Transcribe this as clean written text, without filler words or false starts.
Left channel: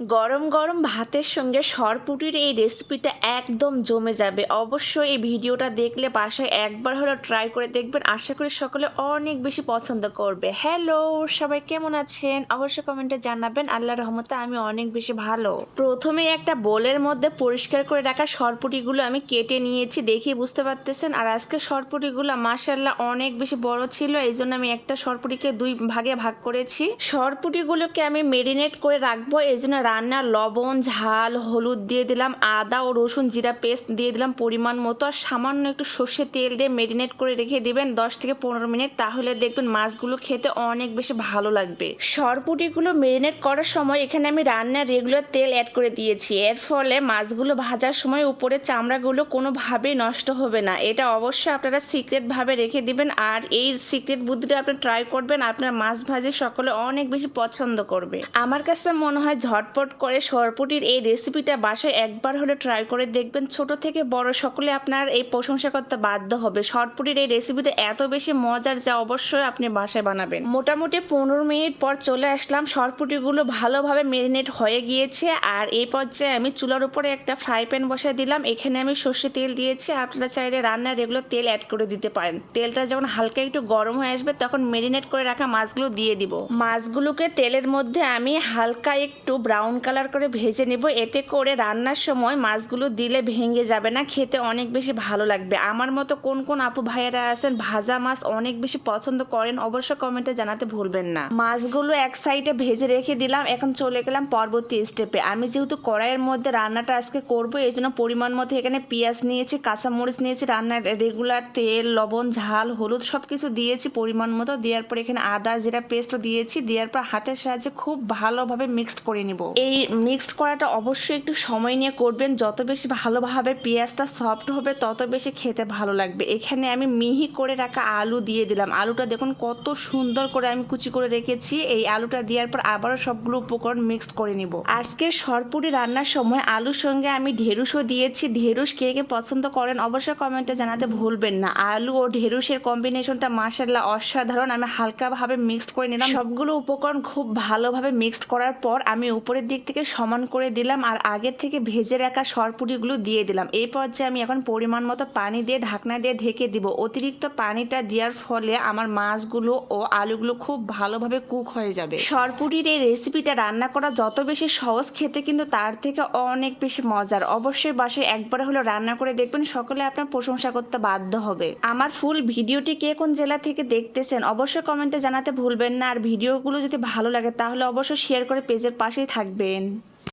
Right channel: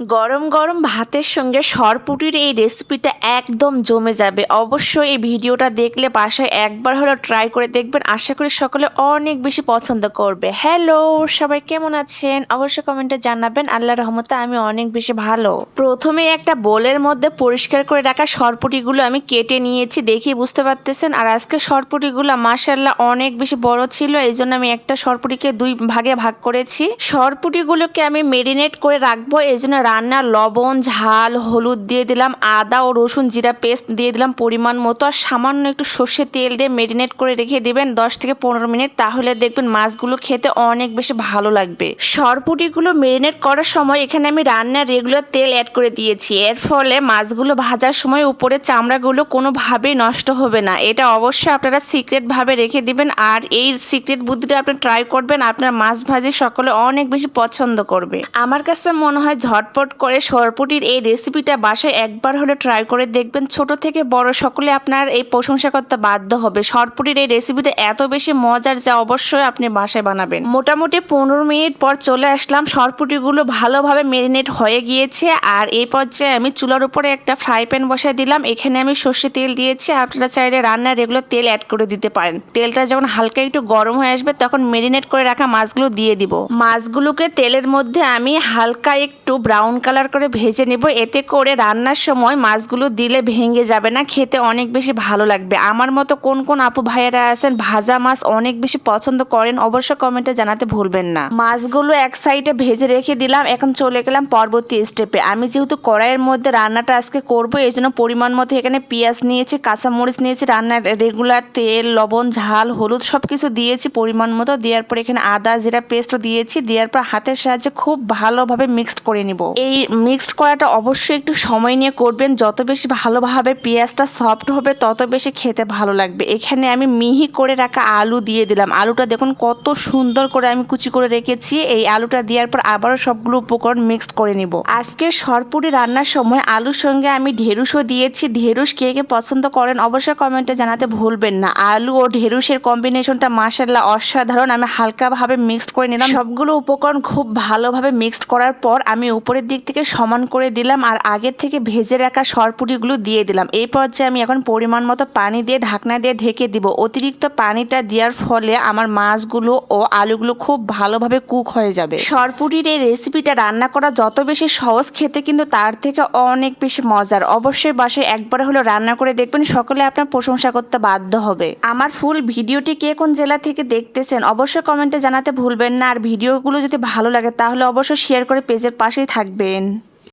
গরম গরম ভাতের সঙ্গে সরপুঁটির এই রেসিপিটা একদম জমে যাবে। অবশ্যই এই ভিডিওটা দেখলে বাসায় একবার হলেও ট্রাই করে দেখবেন। আশা করি সকলে অনেক বেশি পছন্দ করবে। হ্যালো, সবাই কেমন আছেন? অবশ্যই কমেন্টে জানাবেন। আল্লাহর রহমতে আমি অনেক বেশি ভালো। প্রথমে একটা বোলের মধ্যে পরিষ্কার করে রাখা সরপুঁটিগুলো আমি কেটে নিয়েছি, দেখি বুঝতে পারতেছেন। আর আজকে সরপুঁটিগুলো মাশাআল্লাহ অনেক বেশি বড় ছিল, এই জন্য আমি একটা সরপুঁটিকে দুই ভাগে ভাগ করেছি। সরপুঁটিগুলোকে আমি মেরিনেট করে রাখবো, এই জন্য রান্নার লবণ, ঝাল, হলুদ দিয়ে দিলাম, আদা ও রসুন জিরা পেস্ট দিয়ে দিলাম পরিমাণ মতো, আর সামান্য একটু সর্ষে তেল দিয়ে মেরিনেট করে রেখে দিবেন 10 থেকে 15 মিনিট। তাহলে দেখবেন মাছগুলো খেতে অনেক বেশি ভালো লাগবে। সরপুঁটিগুলো মেরিনেট করার সময় এখানে আমি রান্নার রেগুলার তেল অ্যাড করে দিয়েছি। এর ফলে মাছগুলো ভাজার সময় উপরে চামড়াগুলো কোনোভাবেই নষ্ট হবে না। এটা অবশ্যই আপনারা সিক্রেটভাবে রেখে দিবেন, আর এই সিক্রেট বুদ্ধিটা আপনি ট্রাই করবেন, আপনার মাছ ভাজি সকলে অনেক বেশি পছন্দ করবে। আমার কাছে মনে হয় ঝটপট করে সরপুঁটির এই রেসিপিটা বাসায় একবার হলে ট্রাই করে দেখবেন। ছোট থেকে বড় সকলে আপনার এই প্রশংসা করতে বাধ্য হবে। সরপুঁটির এই রেসিপিটা এত বেশি মজার যা অবশ্যই আপনি বাসায় বানাবেন। মোটামুটি 15 মিনিট পর চলে আসলাম, সরপুঁটিগুলো ভালোভাবে মেরিনেট হয়ে গিয়েছে। আর এই পর্যায়ে আমি চুলার উপরে একটা ফ্রাই প্যান বসায় দিলাম। এখানে আমি সর্ষে তেল দিয়েছি, আপনারা চাইলে রান্নার রেগুলার তেল অ্যাড করে দিতে পারেন। তেলটা যখন হালকা একটু গরম হয়ে আসবে তখন মেরিনেট করে রাখা মাছগুলো দিয়ে দিব। মাছগুলোকে তেলের মধ্যে আমি হালকা একটু ব্রাউন কালার করে ভেজে নেব, এতে করে রান্নার সময় মাছগুলো দিলে ভেঙে যাবে না, খেতে অনেক বেশি ভালো লাগবে। আমার মতো কোন কোন আপু ভাইয়েরা আছেন ভাজা মাছ অনেক বেশি পছন্দ করেন, অবশ্য কমেন্টে জানাতে ভুলবেন না। মাছগুলো এক সাইডে ভেজে রেখে দিলাম। এখন চলে গেলাম পরবর্তী স্টেপে। আমি যেহেতু কড়াইয়ের মধ্যে রান্নাটা আজকে করবো, এই জন্য পরিমাণ মতো এখানে পেঁয়াজ নিয়েছি, কাঁচামরিচ নিয়েছি, রান্নার রেগুলার তেল, লবণ, ঝাল, হলুদ সব কিছু দিয়েছি পরিমাণ মতো। দেওয়ার পর এখানে আদা জিরা পেস্টও দিয়েছি। দেওয়ার পর হাতের সাহায্যে খুব ভালোভাবে মিক্সড করে নিব। এই মিক্সড করাটা অবশ্যই একটু সময় নিয়ে করবেন, যত বেশি ভালোভাবে পেঁয়াজটা সফট হবে তত বেশি খেতে ভালো লাগবে। এখানে আমি মিহি করে রাখা আলু দিয়ে দিলাম। আলুটা দেখুন কত সুন্দর করে আমি কুচি করে রেখেছি। এই আলুটা দেওয়ার পর আবারও সবগুলো উপকরণ মিক্সড করে নিব। আজকে সরপুরি রান্নার সময় আলুর সঙ্গে আমি ঢেঁড়ুসও দিয়েছি। ঢেঁড়ুস কে কে পছন্দ করেন অবশ্যই কমেন্টে জানাতে ভুলবেন না। আলু ও ঢেঁড়ুসের কম্বিনেশনটা মাশাআল্লাহ অসাধারণ। আমি হালকাভাবে মিক্সড করে নিলাম। সবগুলো উপকরণ খুব ভালোভাবে মিক্সড করার পর আমি উপরের দিক থেকে সমান করে দিলাম, আর আগে থেকে ভেজে রাখা সরপুরিগুলো দিয়ে দিলাম। এই পর্যায়ে আমি এখন পরিমাণ মতো পানি দিয়ে ঢাকনা দিয়ে ঢেকে দিব। অতিরিক্ত পানিটা দেওয়ার ফলে আমার মাছগুলো ও আলুগুলো খুব ভালোভাবে কুক হয়ে যাবে। সরপুরির এই রেসিপিটা রান্না করা যত বেশি সহজ, খেতে কিন্তু তার থেকে অনেক বেশি মজার। অবশ্যই বাসায় একবার হলো রান্না করে দেখবেন, সকলে আপনার প্রশংসা করতে বাধ্য হবে। আমার ফুল ভিডিওটি কে কোন জেলা থেকে দেখতেছেন অবশ্যই কমেন্টে জানাতে ভুলবেন না। আর ভিডিওগুলো যদি ভালো লাগে তাহলে অবশ্যই শেয়ার করে পেজের পাশেই থাকবেন।